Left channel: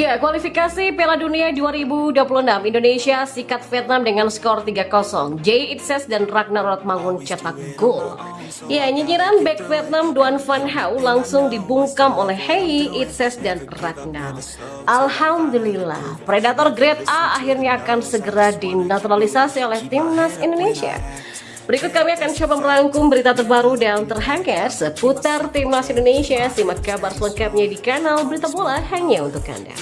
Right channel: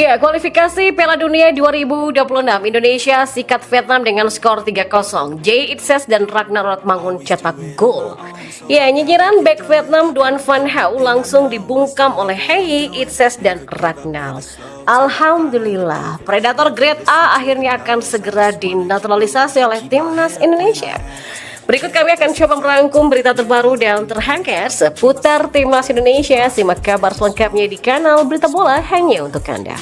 Ya, kualifikasi Piala Dunia 2026 Indonesia sikat Vietnam dengan skor 3-0. Jay Itzes dan Ragnar Rotmangun cetak gol. Ya, nyinyiran bek Vietnam Duan Van Hau langsung dibungkam oleh Hei, Itzes dan Ragnar. Alhamdulillah, predator grade A akhirnya akan segera dinaturalisasi oleh timnas Indonesia. Berikut kami akan coba merangkum berita terbaru dan terhangat seputar timnas Indonesia. Simak kabar selengkapnya di kanal Berita Bola hanya untuk Anda.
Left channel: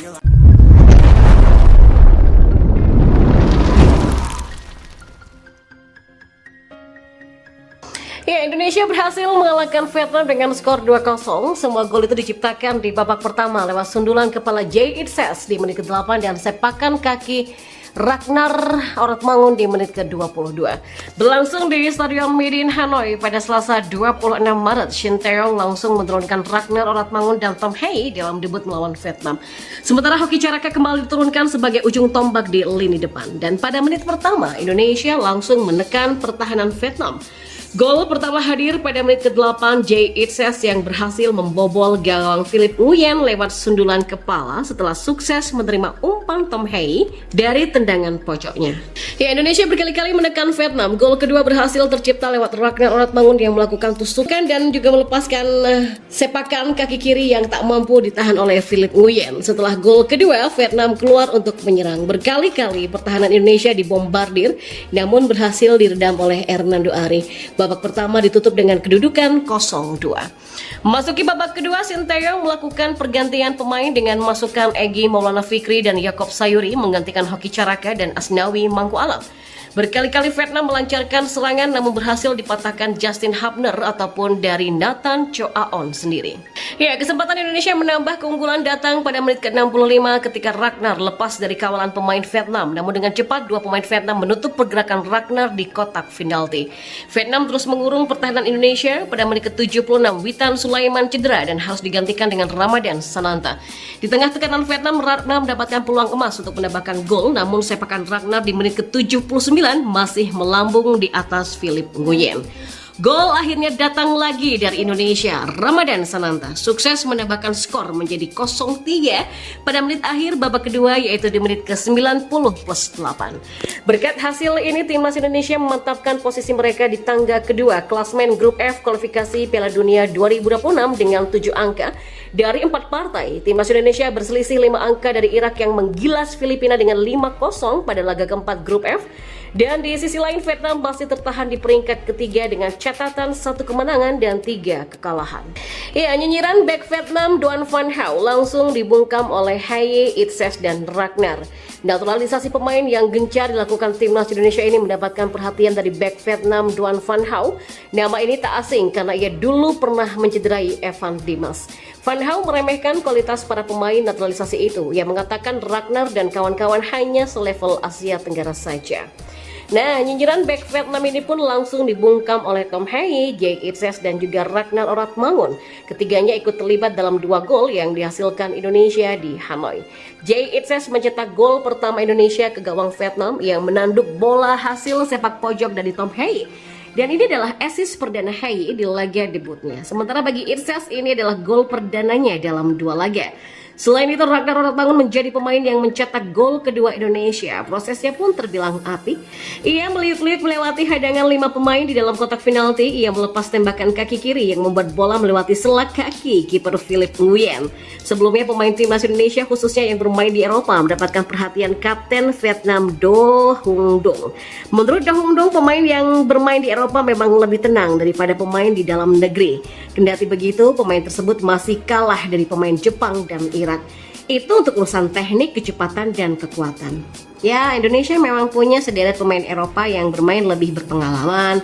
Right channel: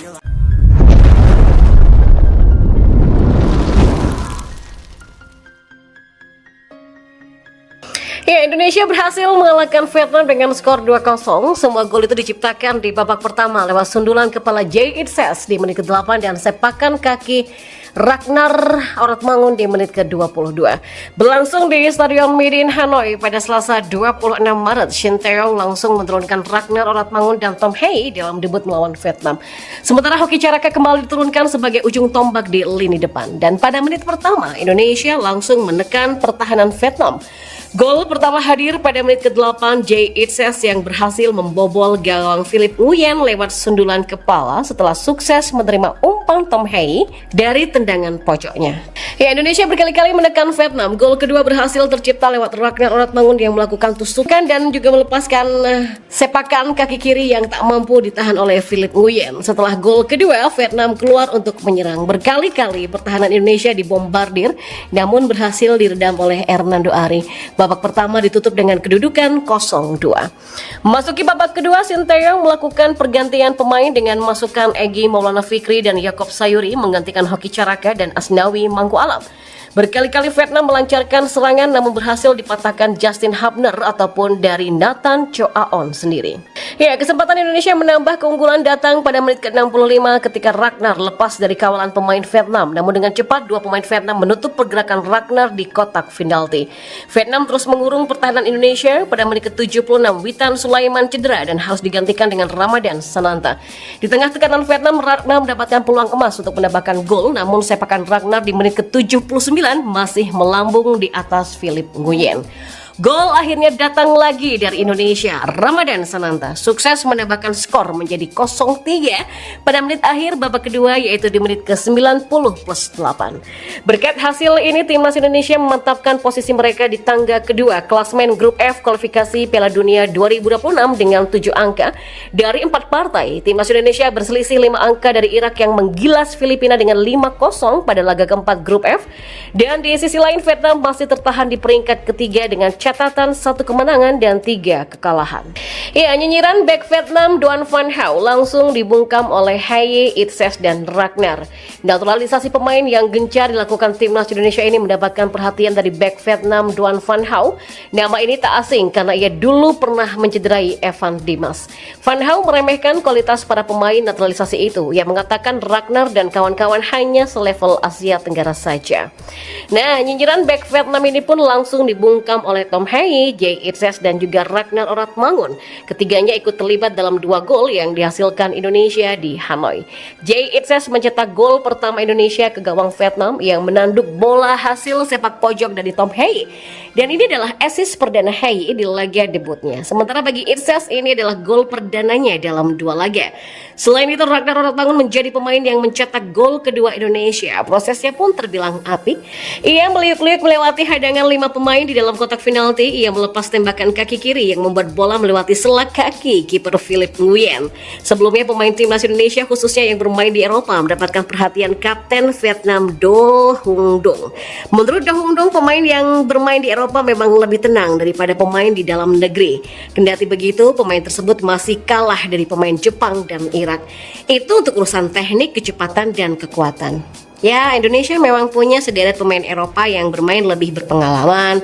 Ya, Indonesia berhasil mengalahkan Vietnam dengan skor 2-0. Semua gol itu diciptakan di babak pertama lewat sundulan kepala Jay Itzes di menit ke-8 dan sepakan kaki Ragnar Rotmangun di menit ke-22. Berlangsung di Stadion Midin Hanoi pada Selasa 26 Maret, Shin Tae-yong langsung menurunkan Ragnar Rotmangun dan Tom Hei dalam debut melawan Vietnam. Sementara Hoki Caraka kembali diturunkan sebagai ujung tombak di lini depan. Dan pada menit pertama, Indonesia langsung menekan pertahanan Vietnam. Gol pertama hadir pada menit ke-8 Jay Itzes yang berhasil membobol gawang Philip Nguyen lewat sundulan kepala setelah sukses menerima umpan Tom Hei dari tendangan pojoknya. Ya, Indonesia berkali-kali menekan Vietnam. Gol kedua berhasil tercipta lewat Ragnar Rotmangun yang melakukan tusukan dan juga melepaskan sepakan kaki kiri yang tak mampu ditahan oleh Philip Nguyen. Setelah gol kedua, Vietnam keluar untuk menyerang. Berkali-kali pertahanan Indonesia dibombardir namun berhasil diredam oleh Hernando Ari. Babak pertama ditutup dengan kedudukan 0-2. Memasuki babak kedua, Shin Tae-yong melakukan pergantian pemain dengan memasukkan Egy Maulana Fikri dan Yaakob Sayuri menggantikan Hoki Caraka dan Asnawi Mangku Alam. Berkali-kali Vietnam melancarkan serangan namun berhasil dipatahkan Justin Hubner ataupun dari Nathan Choaon sendiri. Ya, kesempatan Indonesia menambah keunggulan datang pada menit ke-65 ketika Ragnar lepas dari kawalan pemain Vietnam. Namun dengan cepat dua pemain Vietnam menutup pergerakan Ragnar di kotak penalti. Vietnam terus mengurung pertahanan Indonesia. Pada menit ke-76 Witan Sulaiman cedera dan harus digantikan dengan Ramadan Sananta. Di tengah tekanan Vietnam, Ragnar mendapatkan peluang emas untuk menambahkan gol, namun sepakan Ragnar di menit ke-79 masih melambung di atas Philip Nguyen. Gol akhirnya datang lagi dari Indonesia. Ramadan Sananta sukses menambahkan skor menjadi 0-3 pada menit akhir babak kedua, yaitu di menit ke-90 plus 8. Berkat hasil ini, timnas Indonesia memantapkan posisi mereka di tangga kedua klasmen grup F kualifikasi Piala Dunia 2026 dengan 7 angka dari 4 partai. Timnas Indonesia berselisih 5 angka dari Irak yang menggilas Filipina dengan 5-0 pada laga keempat grup F. Dan di sisi lain, Vietnam masih tertahan di peringkat ketiga dengan catatan 1 kemenangan dan 3 kekalahan. Ya, nyinyiran bek Vietnam Duan Van Hau langsung dibungkam oleh Hei, Itzes dan Ragnar. Naturalisasi pemain yang gencar dilakukan timnas Indonesia ini mendapatkan perhatian dari bek Vietnam Duan Van Hau. Nama ini tak asing karena ia dulu pernah mencederai Evan Dimas. Van Hau meremehkan kualitas para pemain naturalisasi itu. Ia mengatakan Ragnar dan kawan-kawan hanya selevel Asia Tenggara saja. Nah, nyinyiran bek Vietnam ini pun langsung dibungkam oleh Tom Hei, Jay Itzes dan juga Ragnar Rotmangun. Ketiganya ikut terlibat dalam 2 gol yang dihasilkan Indonesia di Hanoi. Jay Itzes mencetak gol pertama Indonesia ke gawang Vietnam yang menanduk bola hasil sepak pojok dari Tom Hei. Dan ini adalah assist perdana Hei di laga debutnya. Sementara bagi Itzes ini adalah gol perdananya dalam 2 laga. Selain itu, Ragnar Rotmangun menjadi pemain yang mencetak gol kedua Indonesia. Prosesnya pun terbilang apik. Ia meliuk-liuk melewati hadangan 5 pemain di dalam kotak penalti. Ia melepas tembakan kaki kiri yang membuat bola melewati selak kaki kiper Philip Nguyen. Sebelumnya, pemain timnas Indonesia khususnya yang bermain di Eropa mendapatkan perhatian kapten Vietnam Do Hung Dong. Menurut Do Hung Dong, pemain yang bermain di Eropa memang lebih tenang daripada pemain di dalam negeri. Kendati begitu, pemain tersebut masih kalah dari pemain Jepang dan Irak. Itu untuk urusan teknik, kecepatan, dan kekuatan. Ya, Indonesia memang punya sederet pemain Eropa yang bermain lebih berpengalaman,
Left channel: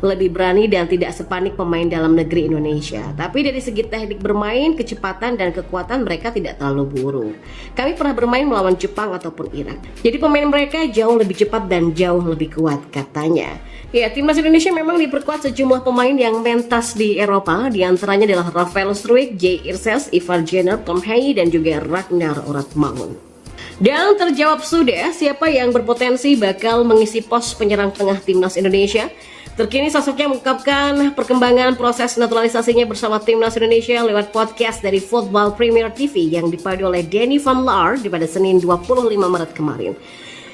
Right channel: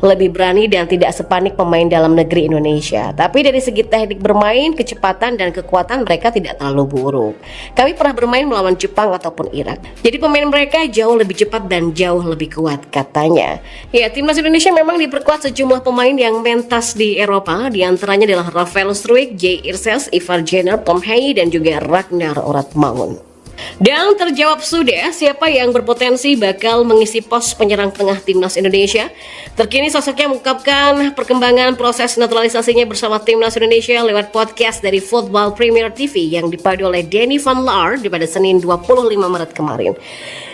lebih berani dan tidak sepanik pemain dalam negeri Indonesia. Tapi dari segi teknik bermain, kecepatan dan kekuatan mereka tidak terlalu buruk. Kami pernah bermain melawan Jepang ataupun Irak. Jadi pemain mereka jauh lebih cepat dan jauh lebih kuat katanya. Ya, timnas Indonesia memang diperkuat sejumlah pemain yang mentas di Eropa. Di antaranya adalah Rafael Struijk, Jay Itzes, Ivar Jenner, Tom Hei dan juga Ragnar Rotmangun. Dan terjawab sudah siapa yang berpotensi bakal mengisi pos penyerang tengah timnas Indonesia. Terkini sosoknya mengungkapkan perkembangan proses naturalisasinya bersama Timnas Indonesia lewat podcast dari Football Premier TV yang dipadu oleh Danny Van Laar pada Senin 25 Maret kemarin.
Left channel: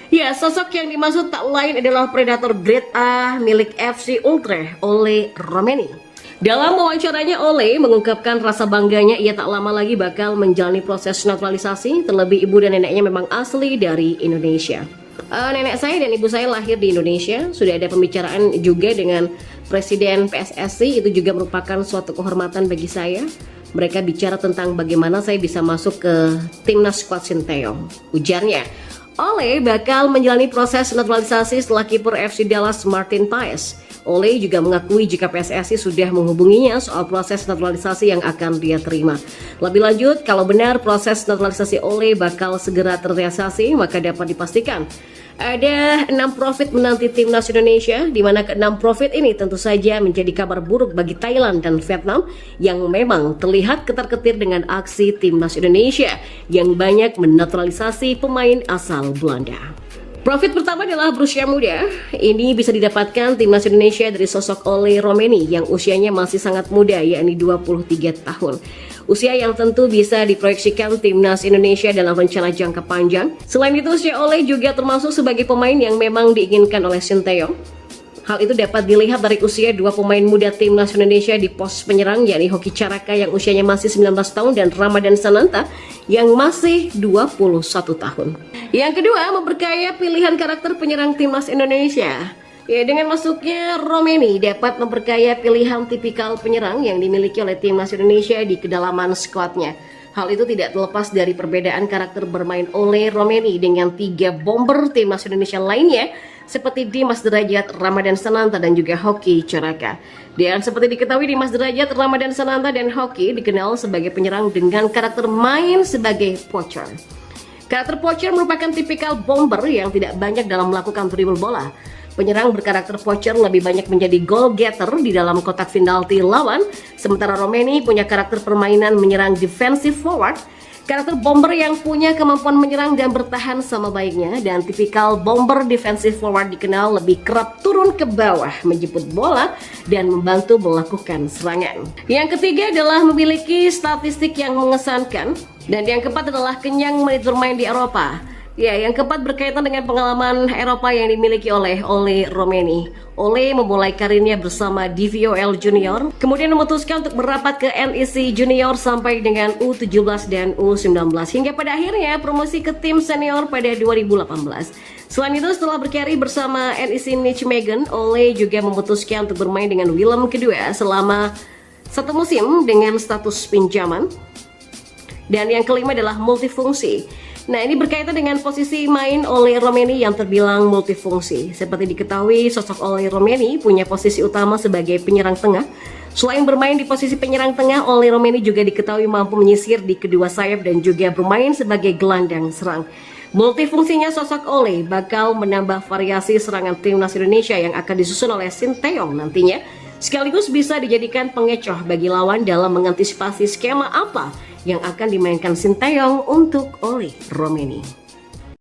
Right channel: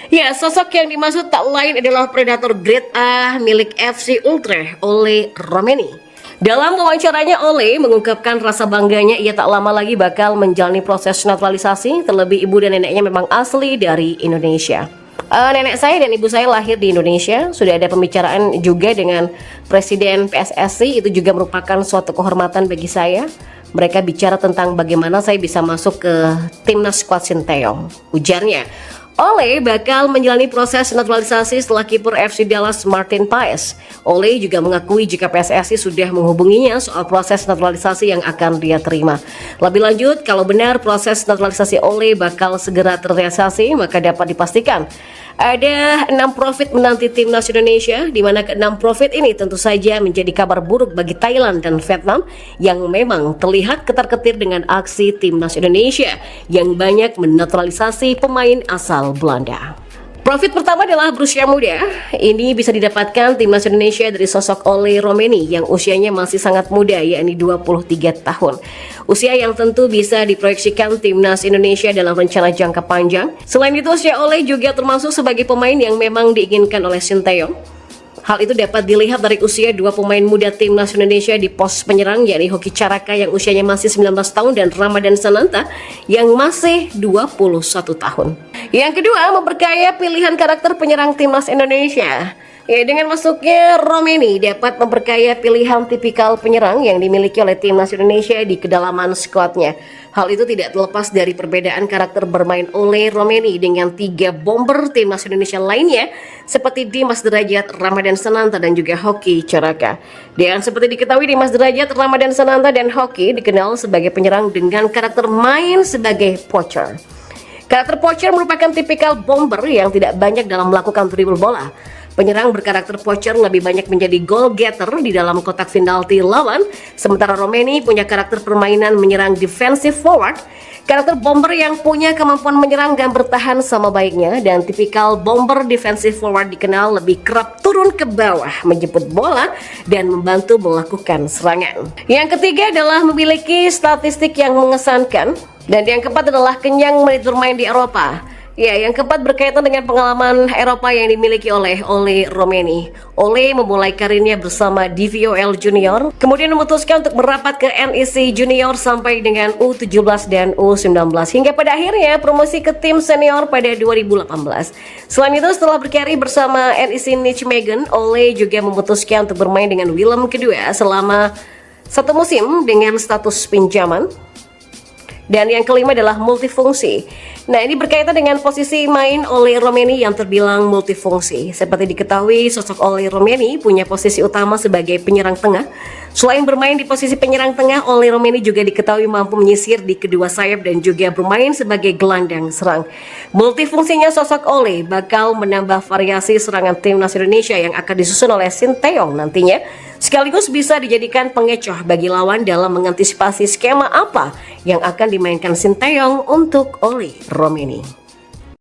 Ya, sosok yang dimaksud tak lain adalah predator grade A milik FC Utrecht, Ole Romeni. Dalam wawancaranya, Ole mengungkapkan rasa bangganya ia tak lama lagi bakal menjalani proses naturalisasi, terlebih ibu dan neneknya memang asli dari Indonesia. Nenek saya dan ibu saya lahir di Indonesia. Sudah ada pembicaraan juga dengan Presiden PSSI, itu juga merupakan suatu kehormatan bagi saya. Mereka bicara tentang bagaimana saya bisa masuk ke timnas skuad Sinteyong. Ujarnya, Ole bakal menjalani proses naturalisasi setelah kiper FC Dallas Martin Paes. Ole juga mengakui jika PSSI sudah menghubunginya soal proses naturalisasi yang akan dia terima. Lebih lanjut, kalau benar proses naturalisasi Ole bakal segera terrealisasi, maka dapat dipastikan ada 6 profit menanti timnas Indonesia, di mana ke-6 profit ini tentu saja menjadi kabar buruk bagi Thailand dan Vietnam yang memang terlihat ketar-ketir dengan aksi timnas Indonesia yang banyak menaturalisasi pemain asal Belanda. Profit pertama adalah berusia muda. Ini bisa didapatkan timnas Indonesia dari sosok Ole Romeni yang usianya masih sangat muda, yakni 23 tahun. Usia yang tentu bisa diproyeksikan timnas Indonesia dalam rencana jangka panjang. Selain itu, usia Ole juga termasuk sebagai pemain yang memang diinginkan oleh Sinteyong. Hal itu dapat dilihat dari usia 2 pemain muda timnas Indonesia di pos penyerang, yakni Hoki Caraka yang usianya masih 19 tahun dan Ramadan Sananta yang masih 21 tahun. Yang kedua, memperkaya pilihan karakter penyerang timnas Indonesia. Ya, dengan masuknya Romeni dapat memperkaya pilihan tipikal penyerang yang dimiliki oleh timnas Indonesia di kedalaman skuadnya. Hal itu tidak terlepas dari perbedaan karakter bermain Ole Romeni dengan 3 bomber timnas Indonesia lainnya seperti Dimas Derajat, Ramadan Sananta dan juga Hoki Caraka. Dan seperti diketahui, Dimas Derajat, Ramadan Sananta dan Hoki dikenal sebagai penyerang dengan karakter main sebagai poacher. Karakter poacher merupakan tipikal bomber yang tidak banyak dalam melakukan dribble bola. Penyerang berkarakter poacher lebih banyak menjadi goal getter di dalam kotak penalti lawan, sementara Romeni punya karakter permainan menyerang defensive forward, karakter bomber yang punya kemampuan menyerang dan bertahan sama baiknya, dan tipikal bomber defensive forward dikenal lebih kerap turun ke bawah, menjemput bola, dan membantu melakukan serangan. Yang ketiga adalah memiliki statistik yang mengesankan, dan yang keempat adalah kenyang menit bermain di Eropa. Ya, yang keempat berkaitan dengan pengalaman Eropa yang dimiliki oleh Ole Romeni. Ole memulai karirnya bersama DVOL Junior, kemudian memutuskan untuk merapat ke NEC Junior sampai dengan U17 dan U19, hingga pada akhirnya promosi ke tim senior pada 2018. Selain itu, setelah berkarir bersama NEC Nijmegen, Ole juga memutuskan untuk bermain dengan Willem kedua selama 1 musim dengan status pinjaman. Dan yang kelima adalah multifungsi. Nah, ini berkaitan dengan posisi main Ole Romeni yang terbilang multifungsi. Seperti diketahui, sosok Ole Romeni punya posisi utama sebagai penyerang tengah. Selain bermain di posisi penyerang tengah, Ole Romeni juga diketahui mampu menyisir di kedua sayap dan juga bermain sebagai gelandang serang. Multifungsinya sosok Ole bakal menambah variasi serangan timnas Indonesia yang akan disusun oleh Sinteyong nantinya, sekaligus bisa dijadikan pengecoh bagi lawan dalam mengantisipasi skema apa yang akan dimainkan Sinteyong untuk Ole Romeni.